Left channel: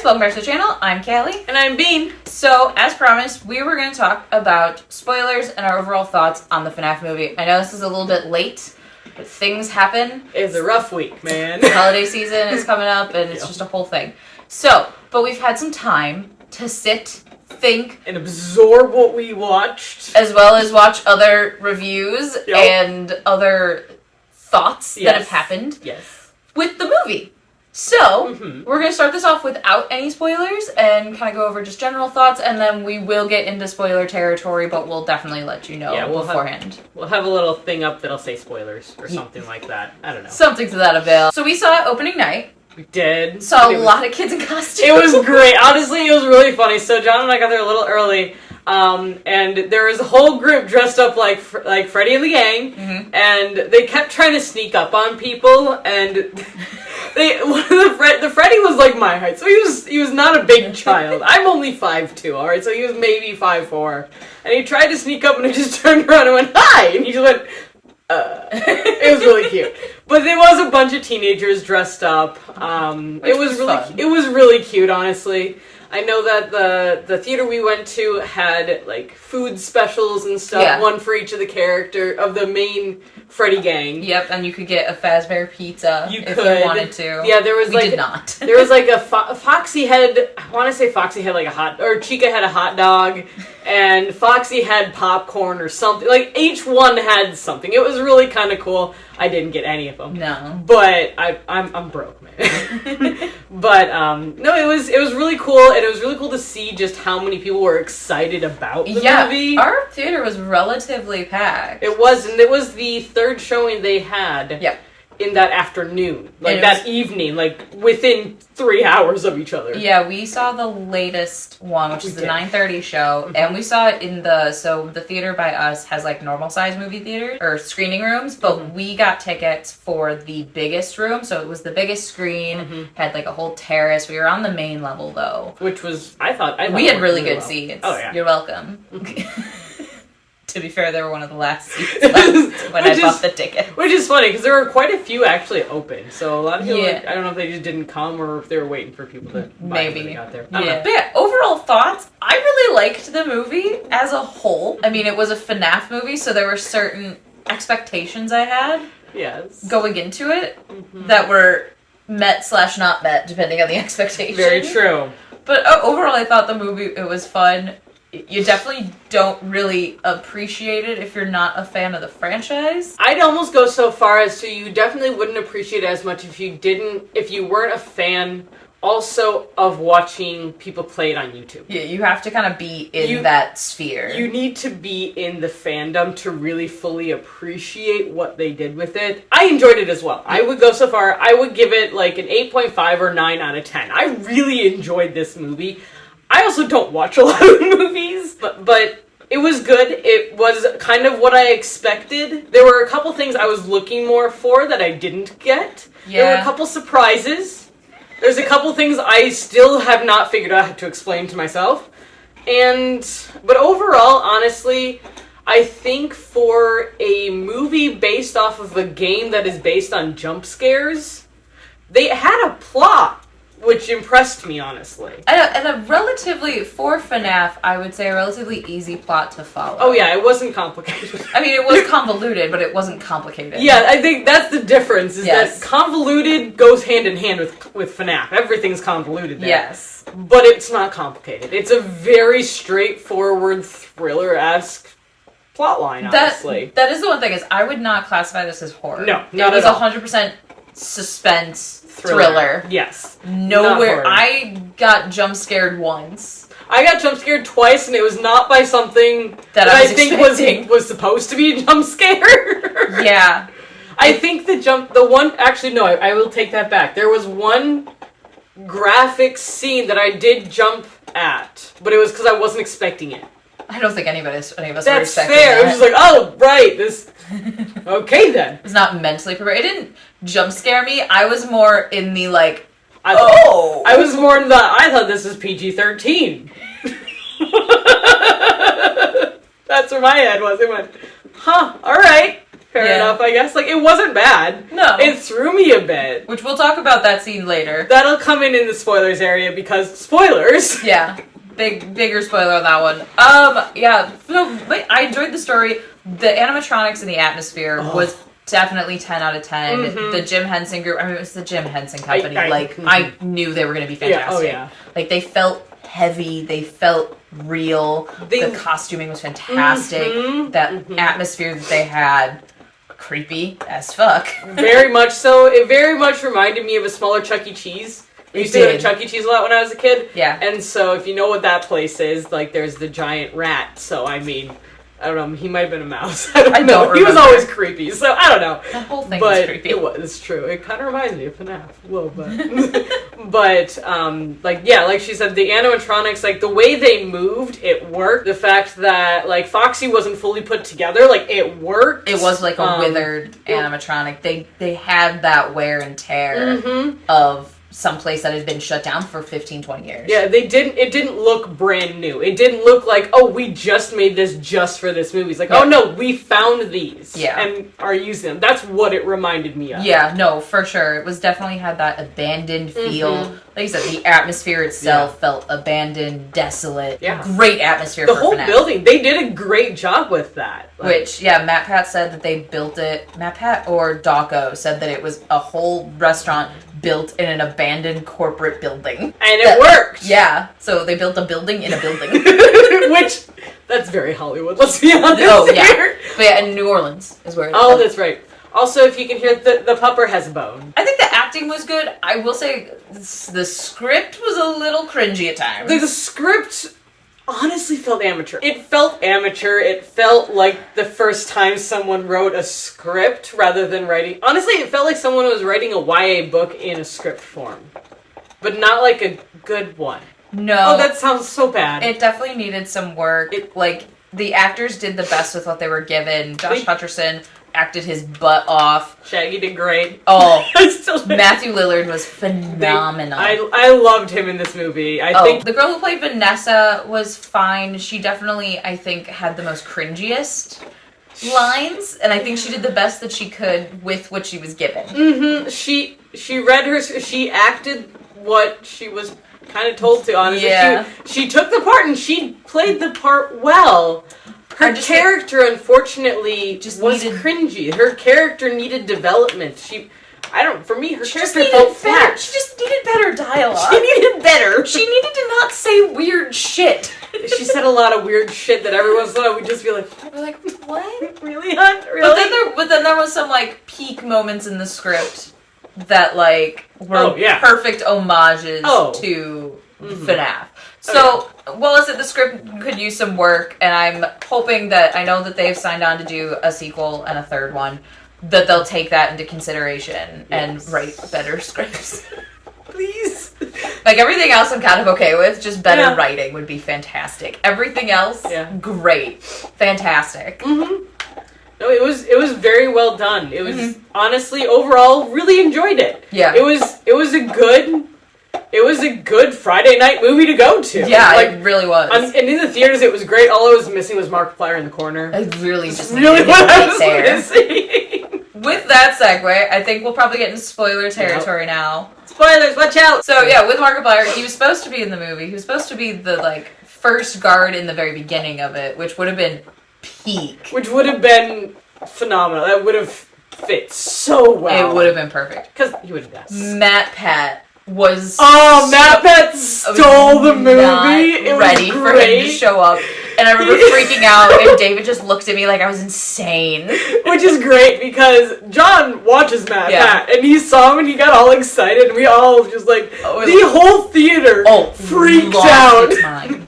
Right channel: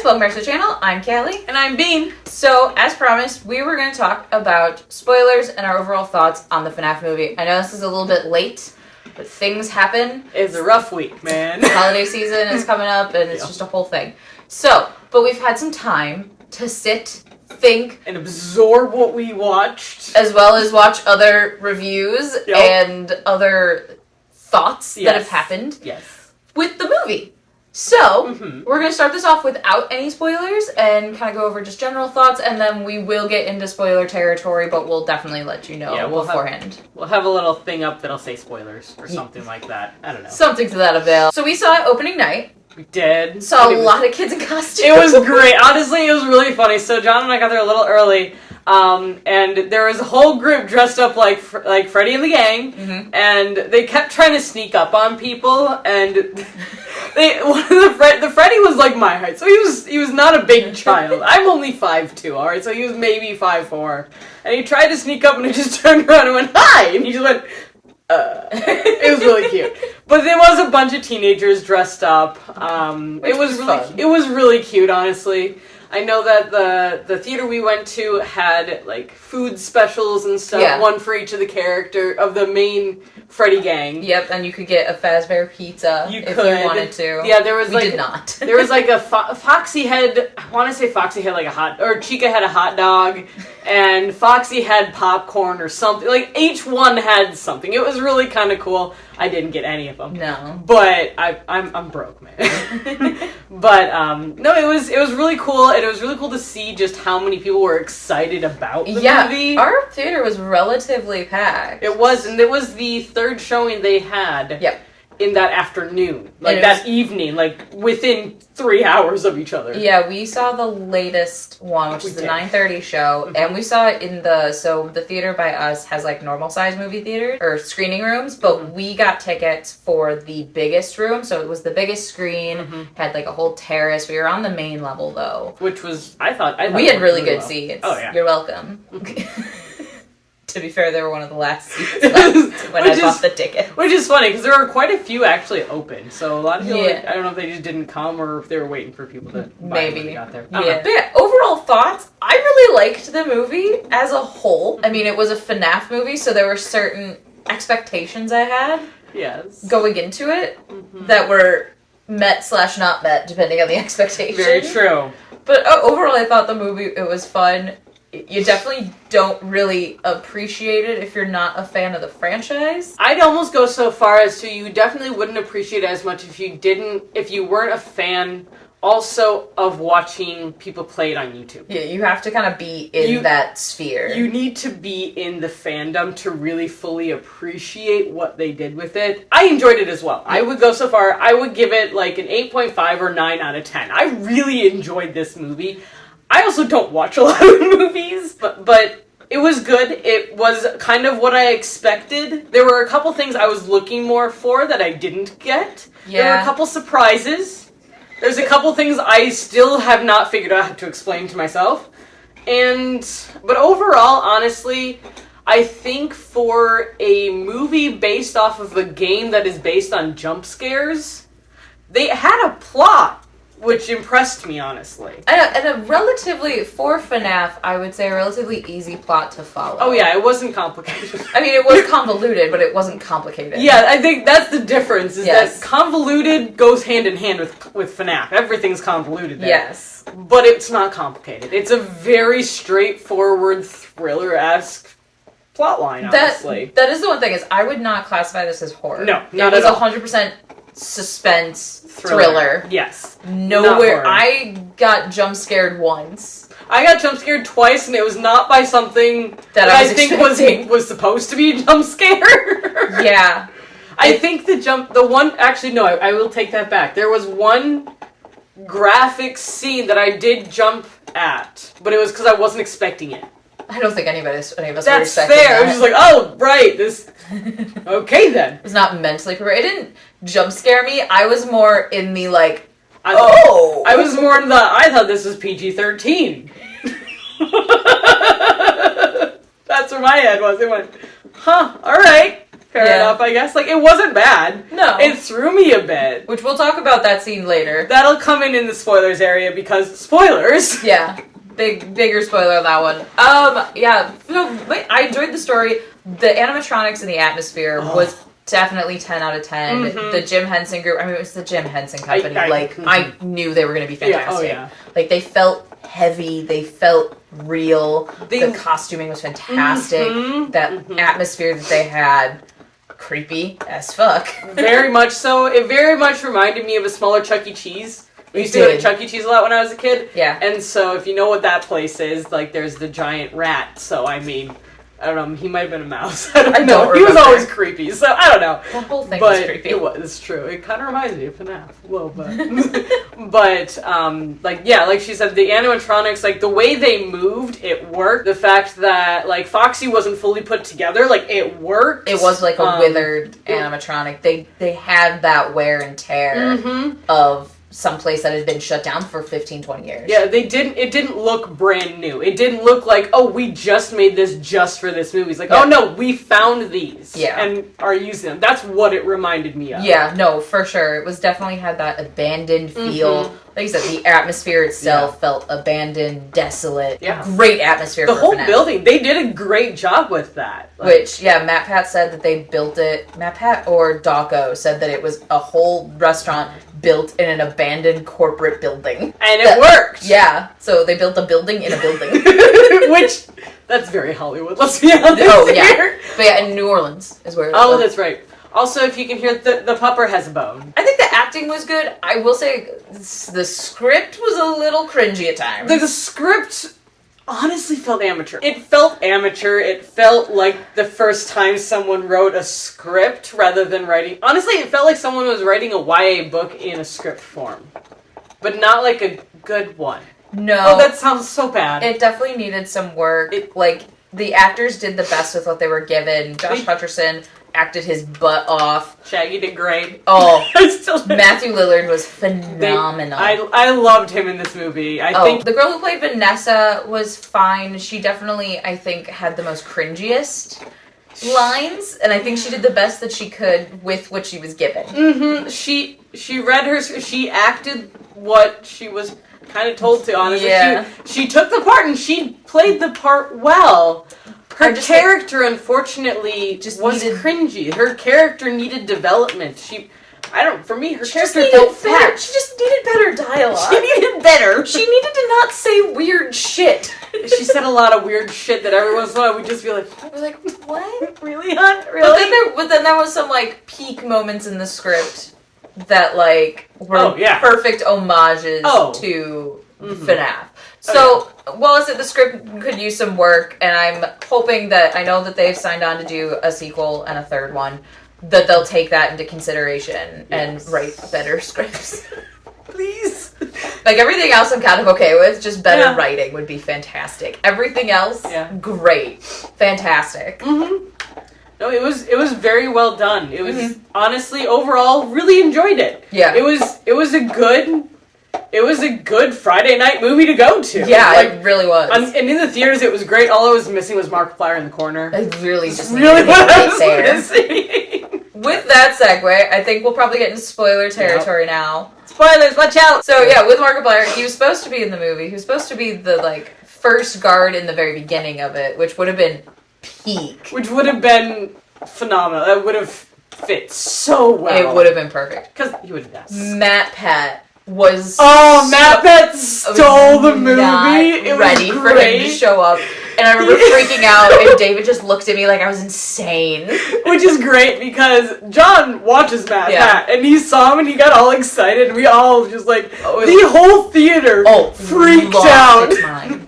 guys, welcome back to the channel. I'm Kaylee. And I'm Bean. So, as promised, we were going to talk about spoilers and our overall thoughts on the FNAF movie. I know this is a little bit late, but things happen. It's a rough week, man. The holiday season is coming up, and it's just a whole thing. So, but we've had some time to sit, think, and absorb what we watched. As well as watch other reviews and other thoughts that have happened with the movie. So, we're going to start this off without any spoilers and kind of go over just general thoughts, and then we will get into spoiler territory, but we'll definitely let you know beforehand. We'll have a little thing up that'll say spoilers or something like that. I don't know. Something to that avail. So we saw it opening night. We did. Saw a lot of kids in costumes. It was great. Honestly, it was really funny. So John and I got there a little early, and there was a whole group dressed up like Freddy and the gang, and they kept trying to sneak up on people, and... the Freddy was like my height, so he was not a big child. I'm only 5'2", all right, so he was maybe 5'4", and he tried to sneak up, and I just turned around and went hi, and he just went. It was really cute, but there was a bunch of teenagers dressed up. It was really cute, honestly. I know that the theater we went to had like food specials and stuff, one for each of the main Freddy gang. Yep, and you could get a Fazbear pizza if you wanted to. Yeah, there was we did not. There was like a Foxy had. I want to say Foxy had like Chica had a hot dog, and Foxy had popcorn or something. Like each one had something. It was really kind of cool. I didn't get any of them. No, but I'm broke, man. But no, it was really cool, and it was really cool to see just how many people were excited about the movie. Our theater was relatively packed. It was, and it was the third showing they had. Yep. In that afternoon, that evening, like within 3 hours of each other. Yeah, we saw the latest one, which is the 9:30 show, and we saw it in the theater by us has like normal size movie theaters or screening rooms, but we got tickets for the biggest room, so it was the biggest screen, had like a whole terrace. We were on the main level though, which was I thought we had really good seats. Oh yeah, you're welcome. To be fair, they were one of the last seats when I bought the ticket. Which is funny, because there were quite a few actually open. So a lot of people, I don't know if they just didn't come or if they were waiting for people to buy it when they got there. I don't know. But yeah, overall thoughts, I really liked the movie as a whole. I mean, it was a FNAF movie, so there were certain expectations I had going into it that were met/not met, depending on the expectation. Very true. But overall, I thought the movie, it was fun. You definitely don't really appreciate it if you're not a fan of the franchise. I'd almost go so far as to you definitely wouldn't appreciate it as much if you weren't a fan also of watching people play it on YouTube. Yeah, you have to kind of be in that sphere. You need to be in the fandom to really fully appreciate what they did with it. I enjoyed it as well. I would go so far, I would give it like an 8.5 or 9 out of 10. I really enjoyed this movie. I also don't watch a lot of movies, but it was good. It was kind of what I expected. There were a couple things I was looking more for that I didn't get. Yeah. There were a couple surprises. There's a couple things I still have not figured out how to explain to myself. But overall, honestly, I think for a movie based off of a game that is based on jump scares, they had a plot. Which impressed me, honestly. And a relatively, for FNAF, I would say a relatively easy plot to follow. Oh yeah, it wasn't complicated. I mean, it was convoluted, but it wasn't complicated. Yeah, I think that's the difference, is that convoluted goes hand in hand with FNAF. Everything's convoluted there. Yes. But it's not complicated. It's a very straightforward, thriller-esque plotline, honestly. That is the one thing, is I would not classify this as horror. No, not at all. It was 100% suspense thriller. Yes. Nowhere. I got jump scared once. I got jump scared twice, and it was not by something that I think was supposed to be a jump scare. Yeah. I think I will take that back. There was one graphic scene that I did jump at, but it was because I wasn't expecting it. I don't think any of us were expecting that. That's fair. It was just like, oh, right, this... Okay, then. It was not mentally prepared. It didn't jump scare me. I was more in the, like, I was more in the, I thought this was PG-13. That's where my head was. It went, huh, all right. Fair enough, I guess. Like, it wasn't bad. No. It threw me a bit. Which we'll talk about that scene later. That'll come in the spoilers area because spoilers. Yeah. Bigger spoiler on that one. Yeah. No, I enjoyed the story. The animatronics and the atmosphere was definitely 10 out of 10. Mm-hmm. The Jim Henson group, I mean, it was the Jim Henson Company. I knew they were going to be fantastic. Yeah. Like, they felt heavy. They felt real. The costuming was fantastic. Mm-hmm. That atmosphere that they had, creepy as fuck. Very much so. It very much reminded me of a smaller Chuck E. Cheese. We used to go to Chuck E. Cheese a lot when I was a kid. Yeah. And so if you know what that place is, like, there's the giant rat. So, I mean, I don't know. He might have been a mouse. I don't know. He was always creepy. So, I don't know. The whole thing was creepy. It's true. It kind of reminds me of FNAF a little bit. But, like she said, the animatronics, like, the way they moved, it worked. The fact that, like, Foxy wasn't fully put together, like, it worked. It was like a withered animatronic. They had that wear and tear of someplace that had been shut down for 15, 20 years. Yeah, it didn't look brand new. It didn't look like, oh, we just made this just for this movie. It's like, oh no, we found these and are using them. That's what it reminded me of. Yeah, no, for sure. It was definitely had that abandoned feel. Like you said, the atmosphere itself felt abandoned, desolate. Yeah. Great atmosphere for the whole FNAF. Building. They did a great job with that. Which, Matt Pat said that they built it. Matt Pat or Daco said that it was a whole restaurant built in an abandoned corporate building. And it worked! Yeah. So they built a building in a building. Which, that's very Hollywood, let's be honest here. But in New Orleans is where it was. That's right. Also, if you can hear, the pupper has a bone. I think the acting was good. I will say the script was a little cringy at times. The script honestly felt amateur. It felt amateur. It felt like the first time someone wrote a script rather than writing... Honestly, it felt like someone was writing a YA book in a script form. But not like a good one. No. Oh, that sounds so bad. It definitely needed some work. The actors did the best with what they were given. Josh Hutcherson acted his butt off. Shaggy did great. Oh, Matthew Lillard was phenomenal. I loved him in this movie. I think the girl who played Vanessa was fine. She definitely, I think, had the most cringiest lines, and I think she did the best that she could with what she was given. Mm-hmm. She read her. She acted what she was kind of told to. Honestly, she took the part and she played the part well. Her character, unfortunately, was cringy. Her character needed development. For me, her character felt flat. She just needed better dialogue. She needed better. She needed to not say weird shit. She said a lot of weird shit that every once in a while we'd just be like, We're like, what? Really, hon? Really? But then there was some, like, peak moments in the script that, like, were perfect homages to FNAF. So, I said the script could use some work, and I'm hoping that, I know that they've signed on to do a sequel and a third one, that they'll take that into consideration and write better scripts. Please. Like, everything else I'm kind of okay with, just better writing would be fantastic. Everything else, great. Fantastic. Mm-hmm. No, it was very well done. It was, honestly, overall, really enjoyed it. Yeah. It was a good Friday night movie to go to. Yeah, it really was. And in the theaters, it was great. All I was missing was Markiplier in the corner. I really just really what I was missing. With that segue, I think we'll probably get into spoiler territory now. Spoilers, watch out! So with Markiplier, he was supposed to be in the movie. He was supposed to be the first guard in the very beginning of it, which would have been peak. Which would have been phenomenal. That would have fit so well. It would have been perfect. Because he would have done. Matt Pat was Matt Pat stole the movie. It ready was for him to show up. And I remember freaking out, and David just looked at me like I was insane. Which is great, because John watches Matt Pat, and he saw him, and he got all excited, and we all just, the whole theater freaked out.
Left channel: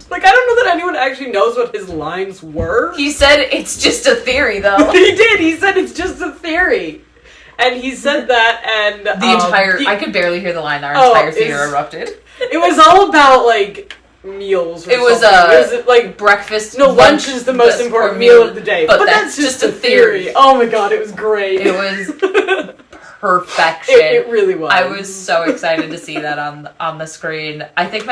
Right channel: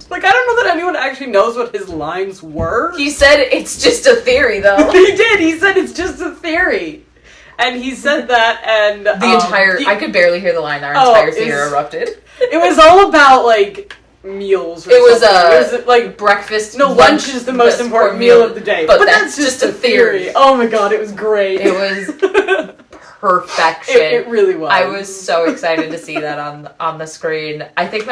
Like, I don't know that anyone actually knows what his lines were. He said, it's just a theory, though. He did. He said, it's just a theory. And he said that, and... I could barely hear the line. Our entire theater erupted. It was all about, meals or It was breakfast. No, lunch is the most important meal of the day. But that's just a theory. Oh my god, it was great. It was perfection. It really was. I was so excited to see that on the screen. I think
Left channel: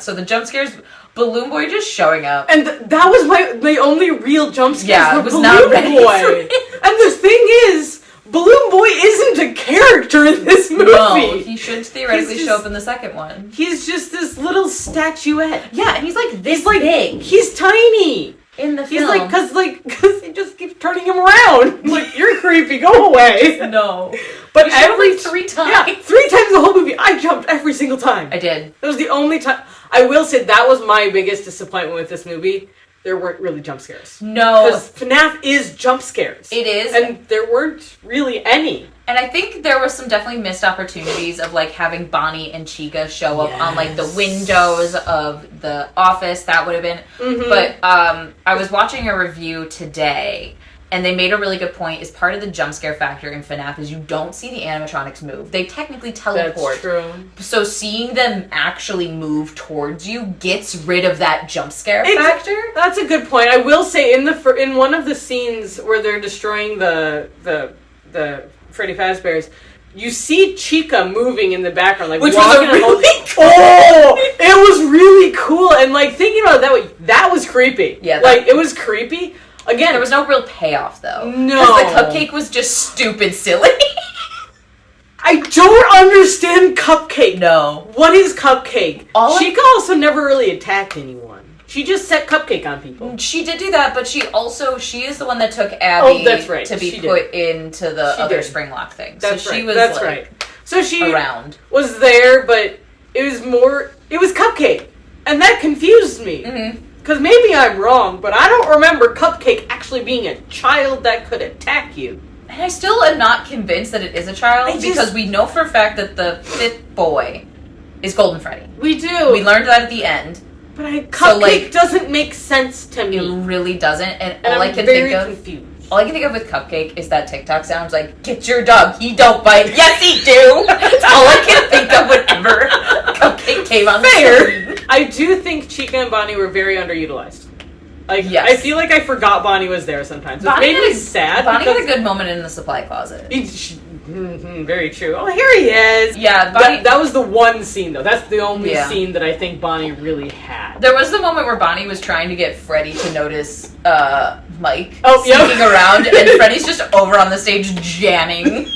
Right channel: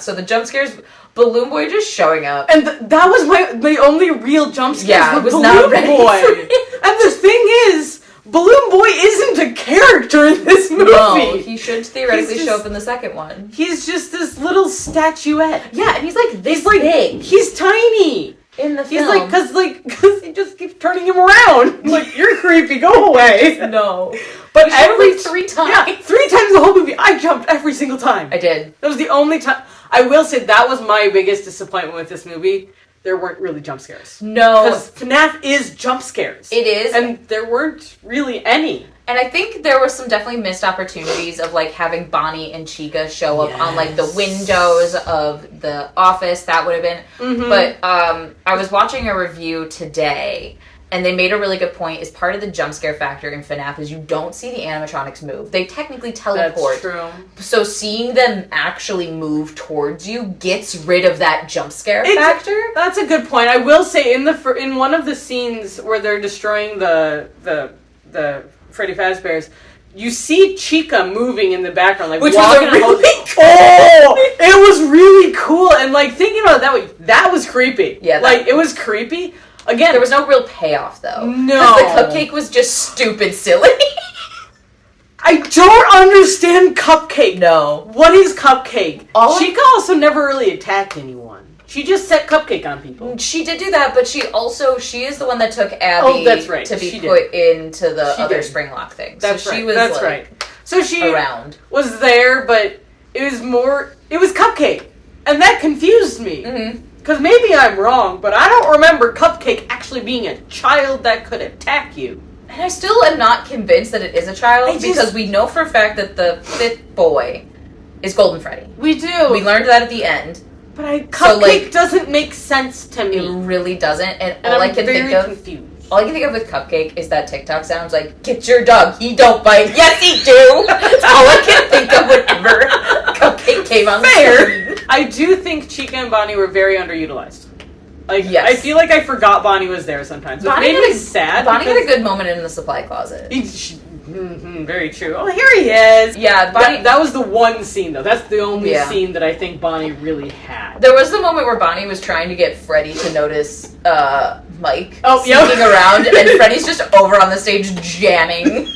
so the jump scares, Balloon Boy just showing up. And that was my only real jump scares. Yeah, were it was Balloon not ready Boy. for me. And the thing is, Balloon Boy isn't a character in this movie. No, he should theoretically show up in the second one. He's just this little statuette. Yeah, and he's like this big. He's tiny. In the He's film. because he just keeps turning him around. Like, you're creepy, go away. No. But every 3 times. Yeah, 3 times the whole movie. I jumped every single time. I did. That was the only time. I will say that was my biggest disappointment with this movie. There weren't really jump scares. No. Because FNAF is jump scares. It is. And there weren't really any. And I think there were some definitely missed opportunities of, like, having Bonnie and Chica show up on, like, the windows of the office. That would have been... Mm-hmm. But I was watching a review today, and they made a really good point. Is part of the jump scare factor in FNAF is you don't see the animatronics move. They technically teleport. That's true. So seeing them actually move towards you gets rid of that jump scare factor. That's a good point. I will say, in one of the scenes where they're destroying the Freddy Fazbear's, you see Chica moving in the background, like, which walking was really cool. Oh, it was really cool. And, like, thinking about it that way, that was creepy. Yeah, like, it was creepy. Again, there was no real payoff, though. No. Because the cupcake was just stupid silly. I don't understand Cupcake. No. What is Cupcake? Chica also never really attacked anyone. She just set Cupcake on people. She did do that, but she is the one that took Abby to be put into the other Springlock thing. That's so right. She was That's right. So she was there, but it was Cupcake. And that confused me. Mm-hmm. Because maybe I'm wrong, but I don't remember Cupcake actually being a child that could attack you. And I still am not convinced that it is a child, because we know for a fact that the 5th boy is Golden Freddy. We do. We learned that at the end. But Cupcake doesn't make sense to me. It really doesn't. And all I'm I can think of... confused. All I can think of with Cupcake is that TikTok sounds like, get your dog, he don't bite. Yes, he do! That's all I can think of whenever Cupcake came on the screen. I do think Chica and Bonnie were very underutilized. Like, yes. I feel like I forgot Bonnie was there sometimes. It made me sad. Bonnie had a good moment in the supply closet. Very true. Oh, here he is. Yeah, Bonnie... That was the one scene, though. That's the only scene that I think Bonnie really had. There was the moment where Bonnie was trying to get Freddy to notice Mike sneaking around, and Freddy's just over on the stage janning.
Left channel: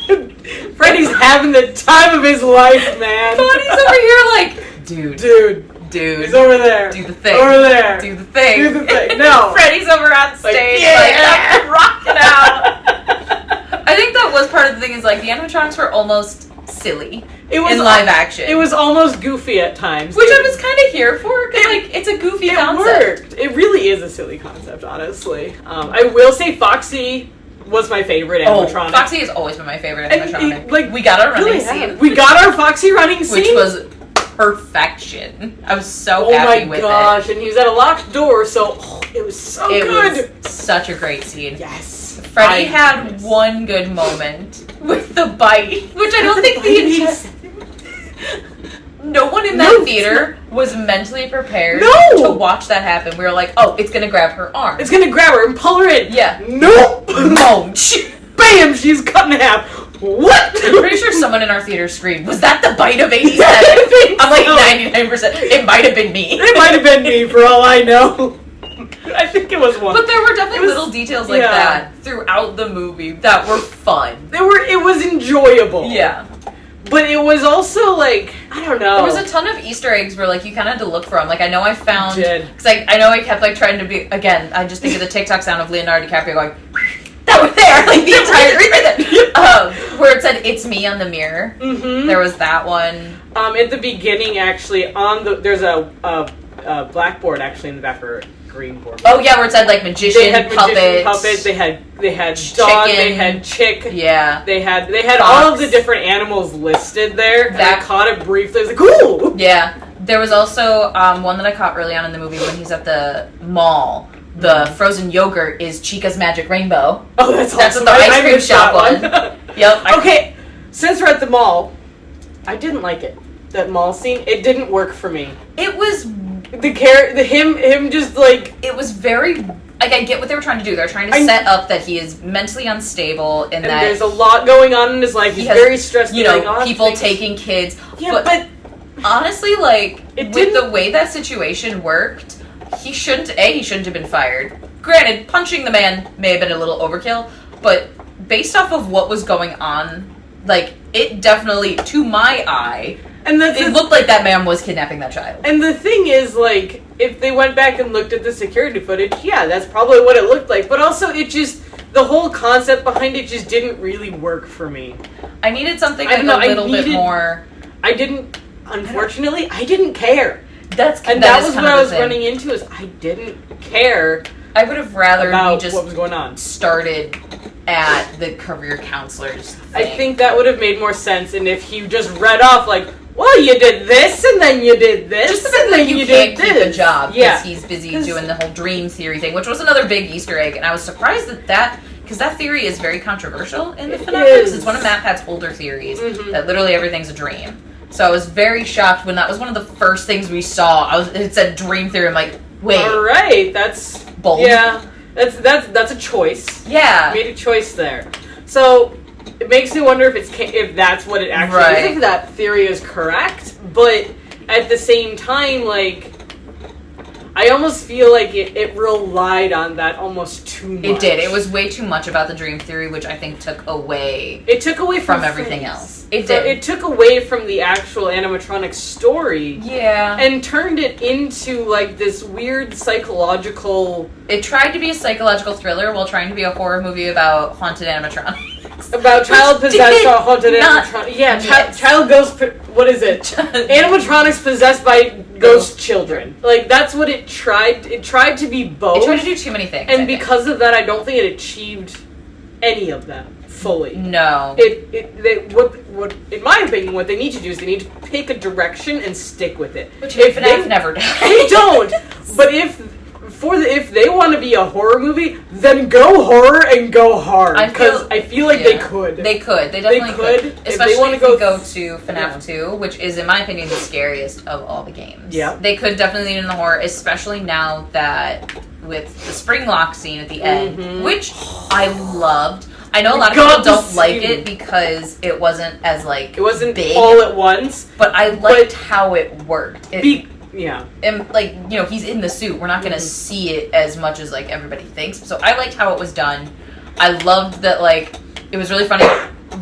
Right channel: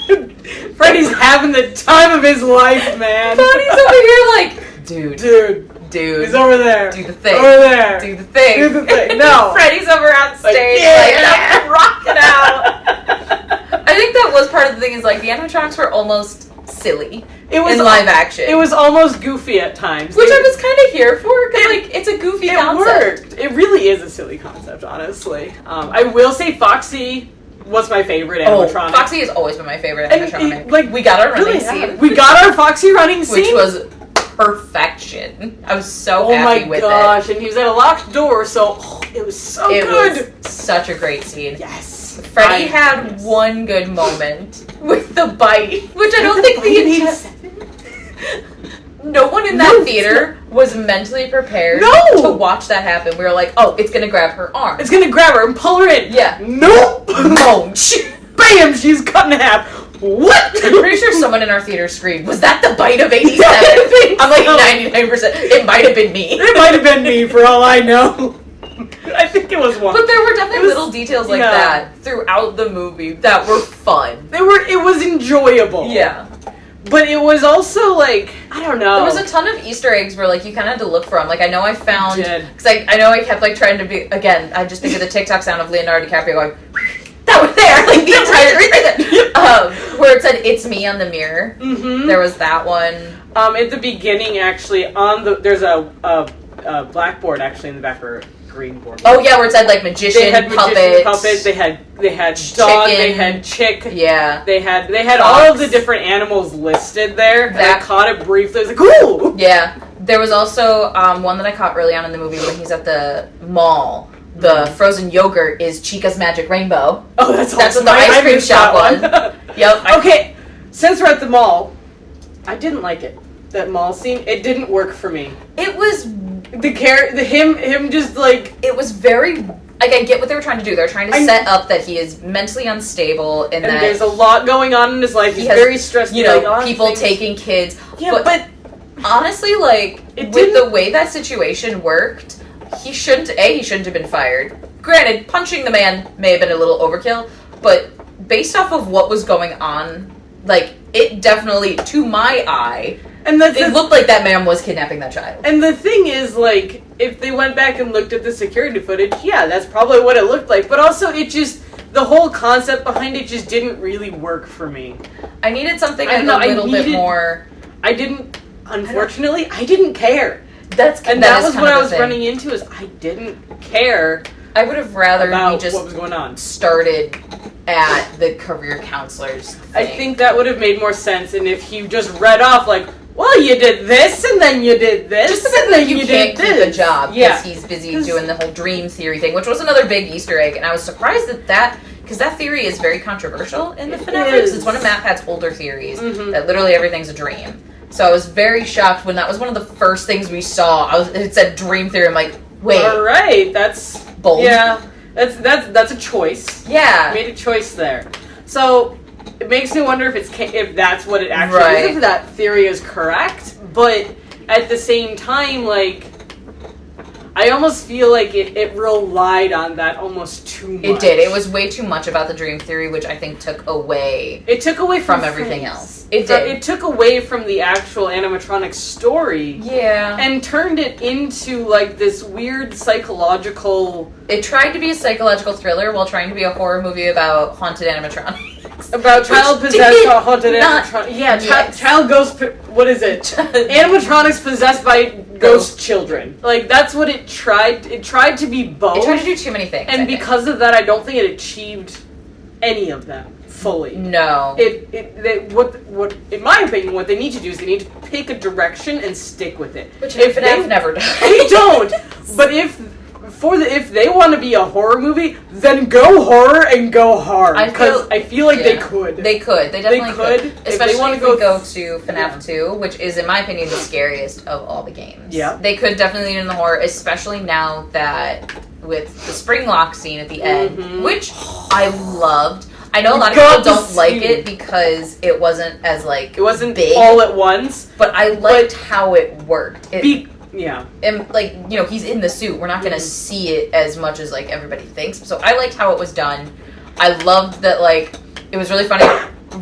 Freddy's having the time of his life, man. Bonnie's over here like, dude. He's over there. Do the thing. Over there. Do the thing. Do the thing. No. Freddy's over on stage, like rocking out. I think that was part of the thing, is like the animatronics were almost silly in live action. It was almost goofy at times. Which I was kind of here for, because like, it's a goofy concept. It worked. It really is a silly concept, honestly. I will say Foxy was my favorite animatronic. Foxy has always been my favorite animatronic. We got our running scene. We got our Foxy running scene. Which was perfection. I was so happy with it. Oh my gosh, and he was at a locked door, so it was so good. It was such a great scene. Yes. Freddy had one good moment with the bite, which I don't think no one in that theater was mentally prepared to watch that happen. We were like, oh, it's gonna grab her arm. It's gonna grab her and pull her in. Yeah. Nope. Munch. Bam, she's cut in half. What? I'm pretty sure someone in our theater screamed, was that the bite of 87? I'm like 99%. It might have been me. It might have been me, for all I know. I think it was one. But there were definitely little details like that throughout the movie that were fun. It was enjoyable. Yeah. But it was also like, I don't know. There was a ton of Easter eggs where like you kind of had to look for them. Like I know I found, because I know I kept like trying to be, again, I just think of the TikTok sound of Leonardo DiCaprio going, that were there, like the entire where it said "It's me" on the mirror. Mm-hmm. There was that one. At the beginning, actually, there's a blackboard actually in the back for green board. Oh yeah, where it said like magician, puppets. They had dog. They had chick. Yeah. They had all of the different animals listed there. And I caught it briefly. I was like, cool. Yeah. There was also one that I caught early on in the movie when he's at the mall. The frozen yogurt is Chica's Magic Rainbow. Oh, that's what the ice cream shop one. Yep. Okay, since we're at the mall, I didn't like it. That mall scene, it didn't work for me. It was him just like it was very like, I get what they were trying to do. They're trying to set up that he is mentally unstable and that there's a lot going on in his life. He's very stressed. People taking kids. Yeah, but honestly, like, with the way that situation worked, he shouldn't have been fired. Granted, punching the man may have been a little overkill, but based off of what was going on, like, it definitely, to my eye, it looked like that man was kidnapping that child. And the thing is, like, if they went back and looked at the security footage, yeah, that's probably what it looked like. But also, the whole concept behind it just didn't really work for me. I needed something a little bit more... Unfortunately, I didn't care. That was what I was running into, is I didn't care. I would have rather about what was going on. Started at the career counselor's thing. I think that would have made more sense, and if he just read off, like, well, you did this, and then you did this, and then you did this. Keep a job because he's busy doing the whole dream theory thing, which was another big Easter egg, and I was surprised because that theory is very controversial in the FNAF. It's one of MatPat's older theories, that literally everything's a dream. So I was very shocked when that was one of the first things we saw. It said dream theory. I'm like, wait. All right, that's bold. Yeah, that's a choice. Yeah, made a choice there. So it makes me wonder if that's what it actually is. If that theory is correct, but at the same time, like, I almost feel like it relied on that almost too much. It did. It was way too much about the dream theory, which I think took away. It took away from everything else. It did. It took away from the actual animatronic story. Yeah. And turned it into, like, this weird psychological... It tried to be a psychological thriller while trying to be a horror movie about haunted animatronics. About child possessed by haunted animatronics. Yeah, child ghost... What is it? Animatronics possessed by ghost children. Like, that's what it tried. It tried to be both. It tried to do too many things. And because of that, I don't think it achieved any of them fully. No. What in my opinion, what they need to do is they need to pick a direction and stick with it. Which FNAF never does. They don't. But if they want to be a horror movie, then go horror and go hard. Because I feel like they could. They could. They definitely could. Especially if they want to go to FNAF 2, which is, in my opinion, the scariest of all the games. Yeah. They could definitely lean in the horror, especially now that with the spring lock scene at the end, which I loved. I know a lot of people don't like it because it wasn't as, like, it wasn't big all at once. But I liked how it worked. Yeah. And, like, you know, he's in the suit. We're not going to see it as much as, like, everybody thinks. So I liked how it was done. I loved that, like, it was really funny.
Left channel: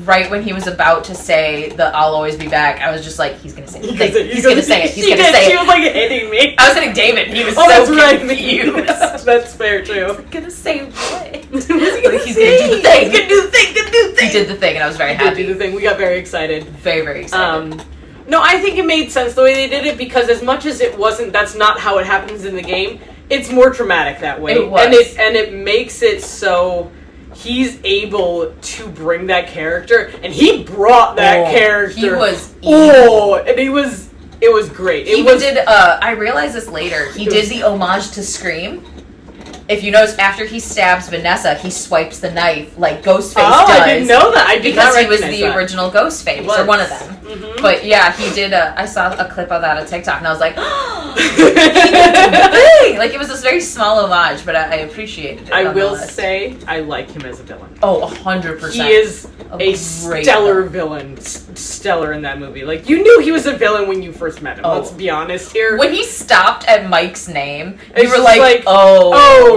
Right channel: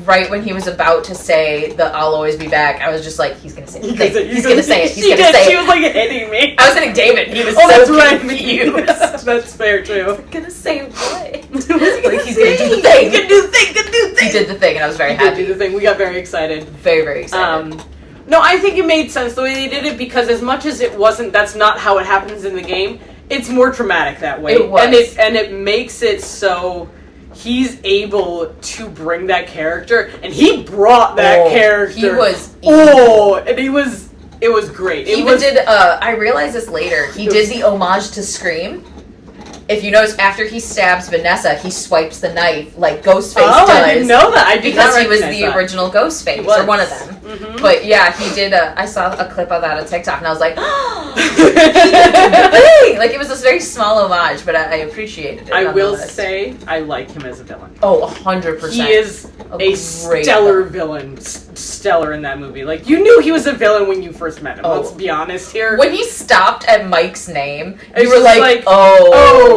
Right when he was about to say the "I'll always be back," I was just like, "He's gonna say it. He's gonna say it. He's gonna say it." She was like hitting me. I was hitting David. He was that's confused. That's fair too. He's gonna say what? He's gonna do the thing. He can do the thing. He did the thing, and I was very happy. He did the thing. We got very excited. Very, very excited. No, I think it made sense the way they did it because as much as it wasn't, that's not how it happens in the game. It's more dramatic that way. It was. And it makes it so he's able to bring that character, and he brought that character. He was and it was great. I realized this later. He did the homage to Scream. If you notice, after he stabs Vanessa, he swipes the knife like Ghostface does. I didn't know that. I did not recognize that. Because he was the original Ghostface, or one of them. Mm-hmm. But yeah, he did. I saw a clip of that on TikTok, and I was like, "Oh, he did the thing!" Like, it was this very small homage, but I appreciated it. I will say, I like him as a villain. Oh, 100%. He is a stellar villain. Stellar in that movie. Like, you knew he was a villain when you first met him. Let's be honest here. When he stopped at Mike's name, you were like, no.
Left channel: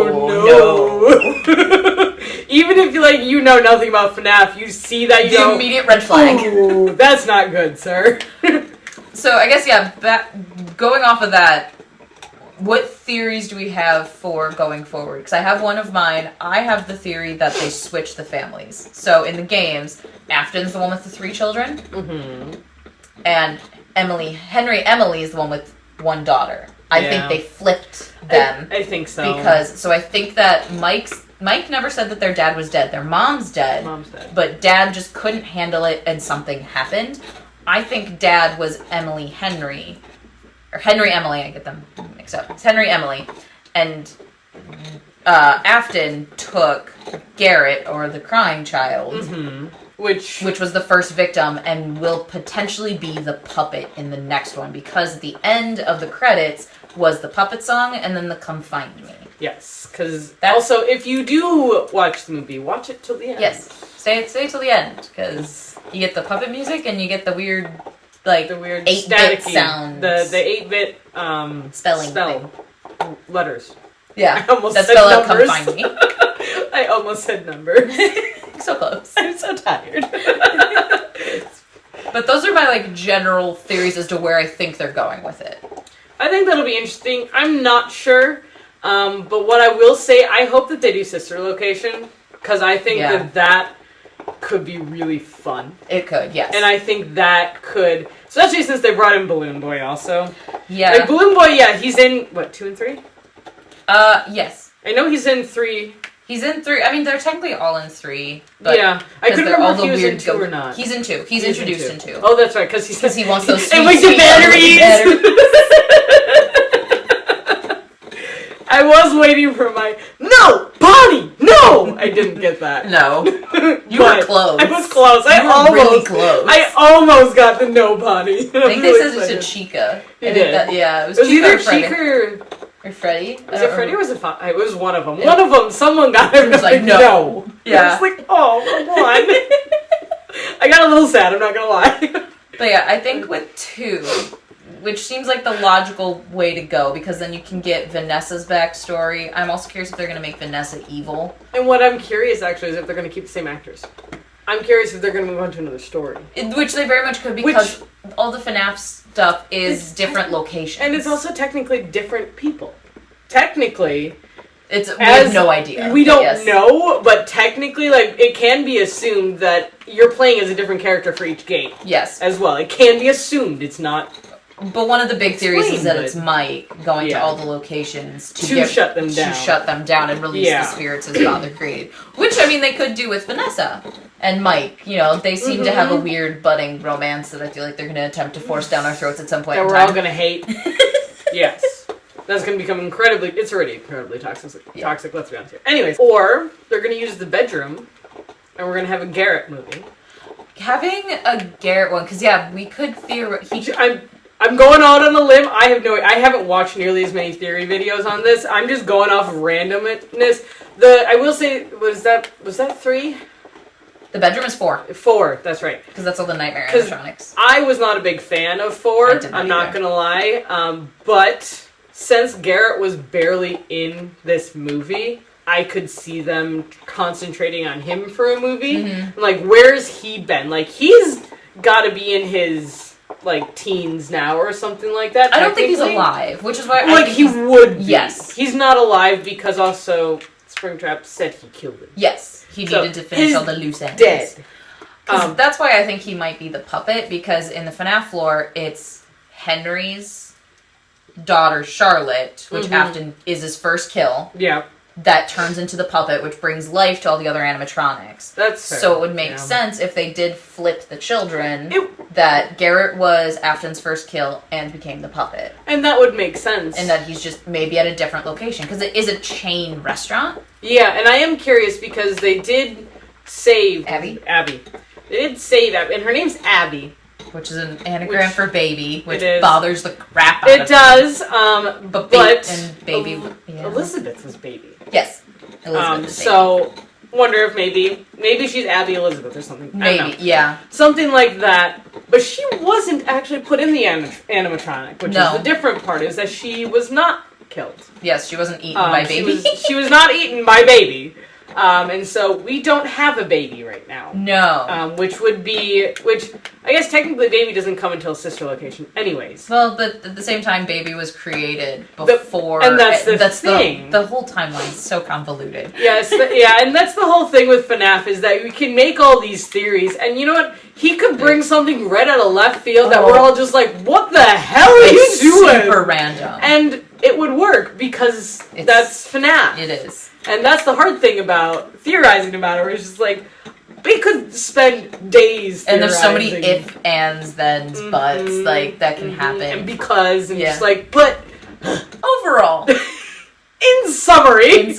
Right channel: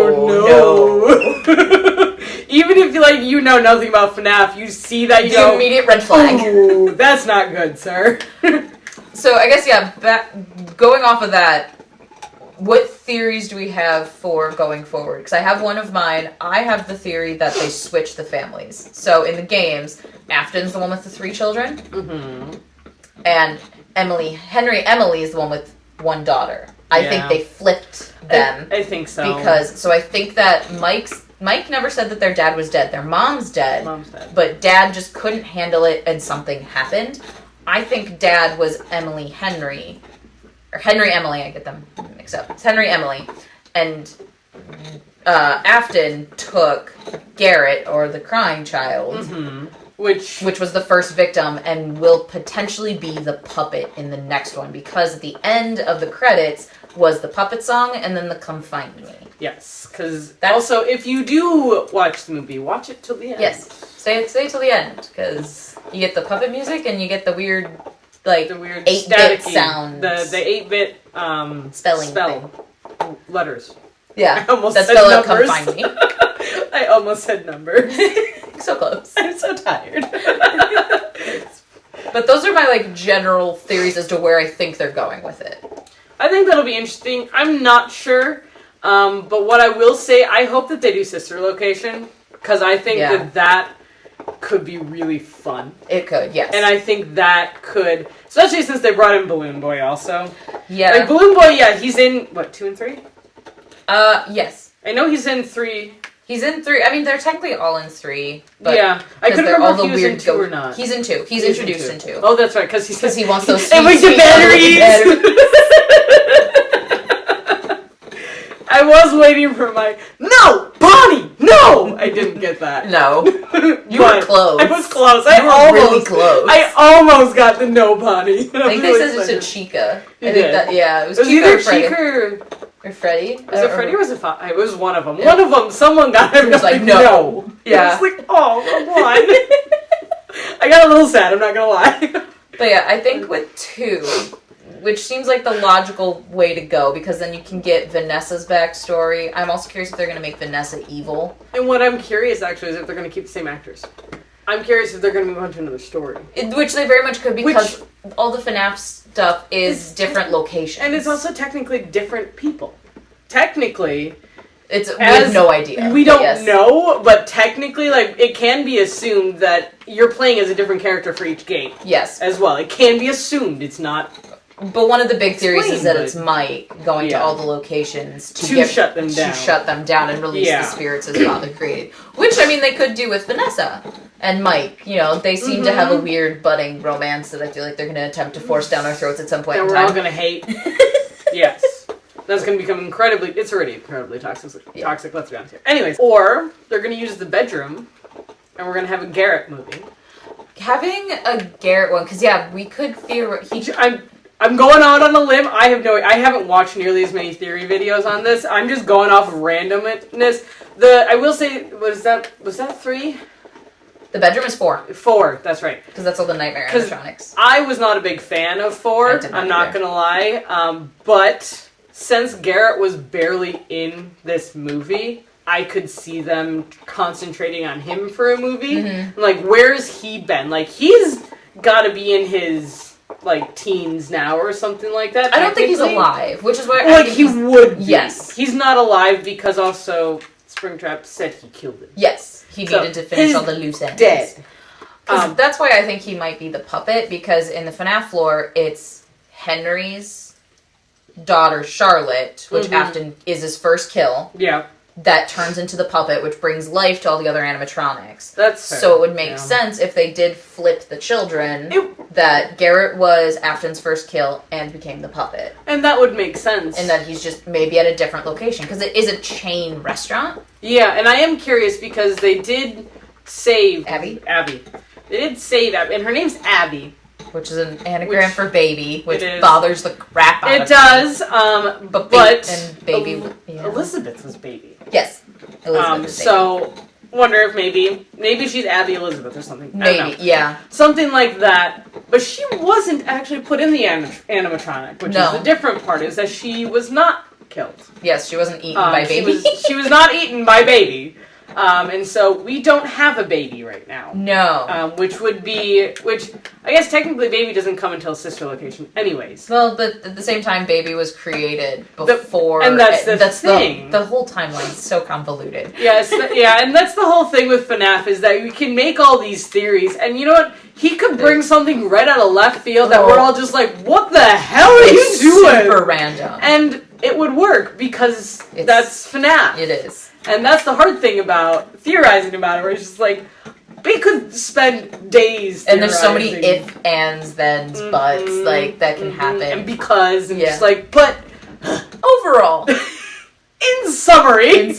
Even if you know nothing about FNAF, you see that you go, immediate red flag. Ooh, that's not good, sir. So I guess going off of that, what theories do we have for going forward? Because I have one of mine. I have the theory that they switch the families. So in the games, Afton's the one with the 3 children, and Henry Emily is the one with 1 daughter. I think they flipped them. I think so. So I think that Mike never said that their dad was dead. Their mom's dead. But Dad just couldn't handle it and something happened. I think Dad was Henry Emily, I get them mixed up. It's Henry Emily. And Afton took Garrett, or the crying child, Which was the first victim and will potentially be the puppet in the next one, because at the end of the credits was the puppet song and then the Come Find Me. Yes, because also, if you do watch the movie, watch it till the end. Yes, stay till the end, because you get the puppet music and you get the weird, like, the weird 8-bit sound. The 8-bit spell letters. Yeah, I almost that's said spell numbers. Come Find Me. I almost said numbers. So close. I'm so tired. But those are my, like, general theories as to where I think they're going with it. I think that'll be interesting. I'm not sure. But what I will say, I hope that they do sister location, because I think that could be really fun. It could, yes. And I think that could, especially since they brought in Balloon Boy also. Yeah. Like, Balloon Boy, he's in, what, 2 and 3? Yes. I know he's in 3. He's in 3. I mean, they're technically all in 3. But yeah. I couldn't remember if he was in 2 or not. He's in 2. He's introduced in 2. Oh, that's right, because he wants those sweet, and with the batteries! I was waiting for my, no! Bonnie! No! I didn't get that. No. You were close. I was close. Really close. I almost got the no Bonnie. I think they said it's a Chica. You did. It was either Chica or Freddy. Was it Freddy or was it It was one of them. Yeah. One of them, someone got him. It was like, no. Yeah. It's like, oh, come on. I got a little sad, I'm not gonna lie. But yeah, I think with 2, which seems like the logical way to go, because then you can get Vanessa's backstory. I'm also curious if they're going to make Vanessa evil. And what I'm curious, actually, is if they're going to keep the same actors. I'm curious if they're going to move on to another story. Which they very much could, because all the FNAF stuff is different locations. And it's also technically different people. Technically... we have no idea. We don't know, but technically, like, it can be assumed that you're playing as a different character for each game. Yes. As well. It can be assumed. It's not... But one of the big theories is that it's Mike going to all the locations to shut them down. To shut them down and release the spirits his father created. Which, I mean, they could do with Vanessa and Mike. You know, they seem to have a weird budding romance that I feel like they're going to attempt to force down our throats at some point in time. That we're all going to hate. Yes. That's going to become it's already incredibly toxic, let's be honest here. Anyways, or they're going to use the bedroom, and we're going to have a Garrett movie. Having a Garrett one, because, we could I'm going out on a limb. I haven't watched nearly as many theory videos on this. I'm just going off of randomness. I will say, was that 3? The bedroom is 4. 4, that's right. Because that's all the nightmare animatronics. I was not a big fan of 4. I'm not going to lie. But since Garrett was barely in this movie, I could see them concentrating on him for a movie. Mm-hmm. Like, where's he been? Like, he's got to be in his... like teens now or something like that. I don't think he's alive, which is why I think he would be. Yes. He's not alive because also Springtrap said he killed him. Yes. He needed to finish all the loose ends. Dead. That's why I think he might be the puppet, because in the FNAF lore, it's Henry's daughter, Charlotte, which often is his first kill. Yeah. That turns into the puppet, which brings life to all the other animatronics. That's fair. So it would make sense if they did flip the children, that Garrett was Afton's first kill and became the puppet. And that would make sense. And that he's just maybe at a different location, because it is a chain restaurant. Yeah, and I am curious because they did save... Abby. They did save Abby, and her name's Abby. Which is an anagram for baby, which bothers the crap out of me. It does, but and baby... Elizabeth was baby. Yes. Elizabeth so, wonder if maybe she's Abby Elizabeth or something. Maybe, I don't know. yeah. Something like that. But she wasn't actually put in the animatronic, which is the different part, is that she was not killed. Yes, she wasn't eaten by baby. She was not eaten by baby. And so we don't have a baby right now. No. Which I guess technically baby doesn't come until sister location anyways. Well, but at the same time, baby was created before. And that's the thing. The whole timeline is so convoluted. Yes, and that's the whole thing with FNAF, is that we can make all these theories, and you know what? He could bring something right out of left field that we're all just like, what the hell are you doing? Super random. And it would work, because that's FNAF. It is. And that's the hard thing about theorizing about it, where it's just like, we could spend days theorizing. And there's so many if, ands, thens, buts, like, that can happen. And because, and just like, but... Overall. In summary.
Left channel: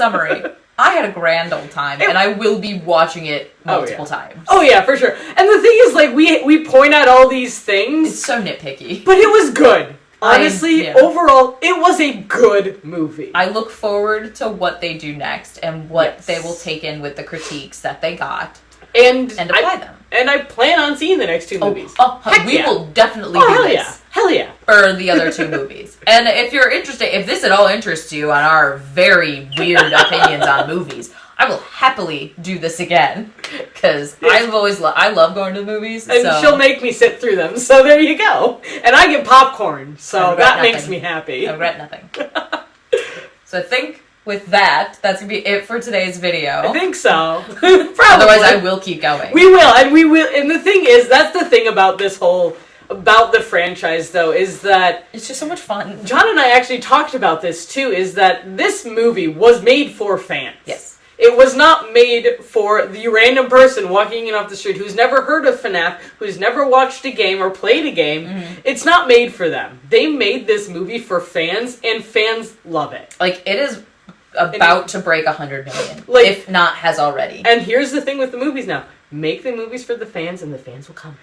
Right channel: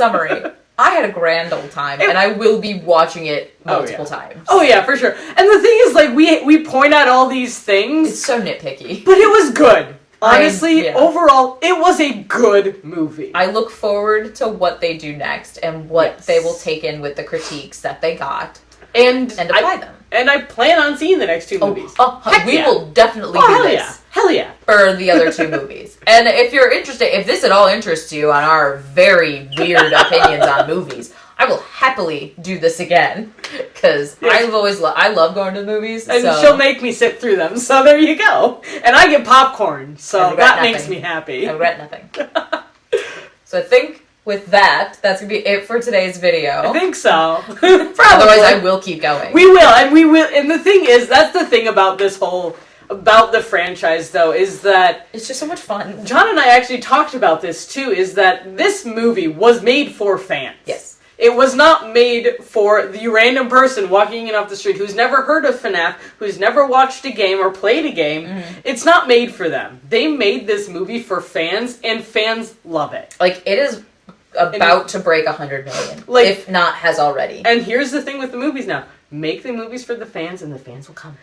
I had a grand old time, and I will be watching it multiple times. Oh yeah, for sure. And the thing is, like, we point out all these things. It's so nitpicky. But it was good. Honestly, overall, it was a good movie. I look forward to what they do next and what they will take in with the critiques that they got and apply them. And I plan on seeing the next two movies. We will definitely do this. Hell yeah. Or the other two movies. And if you're interested, if this at all interests you on our very weird opinions on movies, I will happily do this again. Because I've always I love going to the movies. And she'll make me sit through them, so there you go. And I get popcorn, so that makes me happy. I regret nothing. So I think with that, that's going to be it for today's video. I think so. Otherwise, I will keep going. We will. And the thing is, that's the thing about this whole... about the franchise, though, is that... it's just so much fun. John and I actually talked about this, too, is that this movie was made for fans. Yes. It was not made for the random person walking in off the street who's never heard of FNAF, who's never watched a game or played a game. Mm-hmm. It's not made for them. They made this movie for fans, and fans love it. Like, it is about to break 100 million, if not has already. And here's the thing with the movies now. Make the movies for the fans, and the fans will come.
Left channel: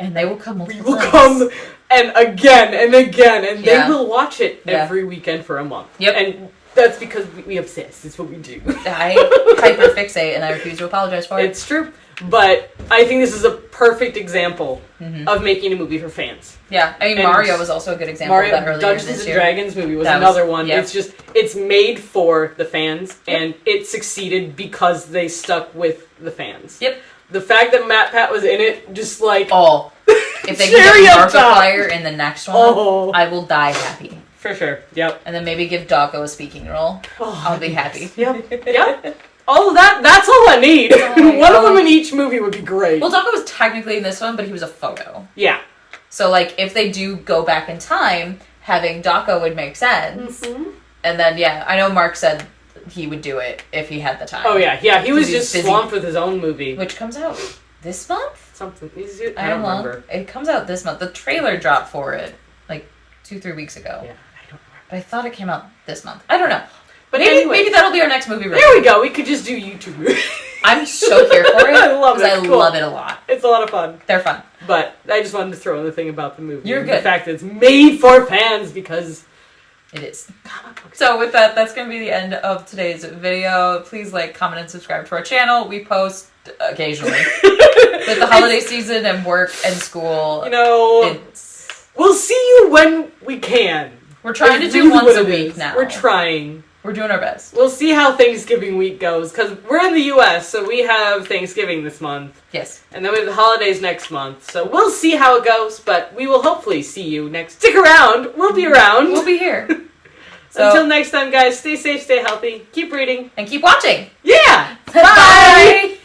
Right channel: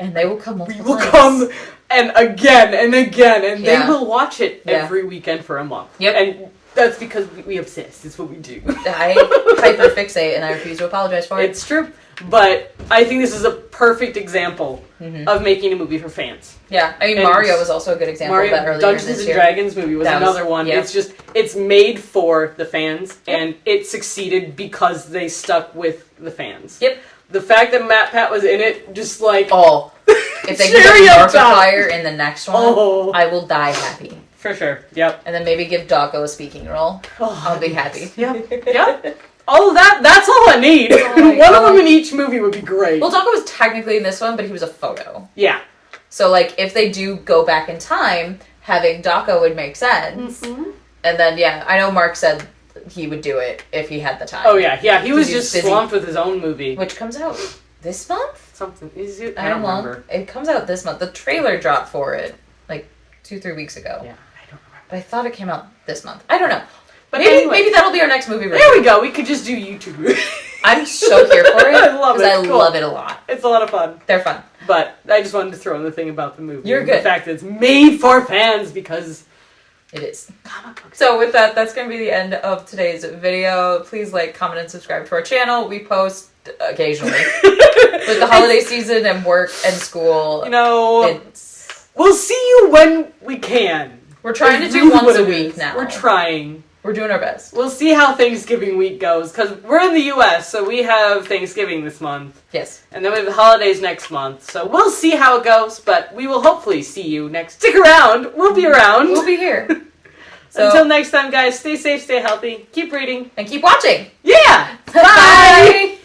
And they will come multiple times. We will come and again, and they will watch it every weekend for a month. Yep. And that's because we obsess. It's what we do. I hyperfixate, and I refuse to apologize for it. It's true. But I think this is a perfect example of making a movie for fans. Yeah, I mean, Mario was also a good example of that earlier Dungeons and Dragons movie was another one. Yep. It's made for the fans, and it succeeded because they stuck with the fans. Yep. The fact that Matt Pat was in it, just like... oh. If they can get Markiplier in the next one, I will die happy. For sure, yep. And then maybe give Dawko a speaking role. I'll be happy. Yep. All of that's all I need. One of them in each movie would be great. Well, Dawko was technically in this one, but he was a photo. Yeah. So, like, if they do go back in time, having Dawko would make sense. Mm-hmm. And then, I know Mark said he would do it if he had the time. Oh, yeah. He was just swamped with his own movie. Which comes out this month? Something. I don't remember. It comes out this month. The trailer dropped for it, like, 2-3 weeks ago. Yeah, I don't remember. But I thought it came out this month. I don't know. But anyway, maybe that'll be our next movie review. There we go. We could just do YouTube. I'm so here for it. I love it. Because I love it a lot. It's a lot of fun. They're fun. But I just wanted to throw in the thing about the movie. You're good. The fact that it's made for fans because... it is. So with that, that's going to be the end of today's video. Please like, comment, and subscribe to our channel. We post occasionally. With the holiday season and work and school, we'll see you when we can. We're trying to do once a week now. We're trying. We're doing our best. We'll see how Thanksgiving week goes, because we're in the U.S., so we have Thanksgiving this month. Yes. And then we have the holidays next month, so we'll see how it goes, but we will hopefully see you next. Stick around. We'll be around. We'll be here. So, until next time, guys, stay safe, stay healthy, keep reading, and keep watching. Yeah! Bye!